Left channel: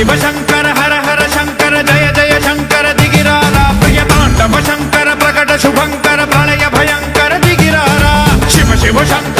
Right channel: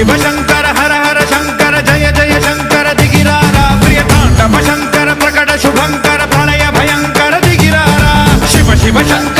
शिव शंकर हर हर शंकर जय जय शंकर दिगिरारा प्रिय तांडव शंकर प्रकट शुभंकर प्रलय भयंकर दिगिरारा शिव शिव शंकर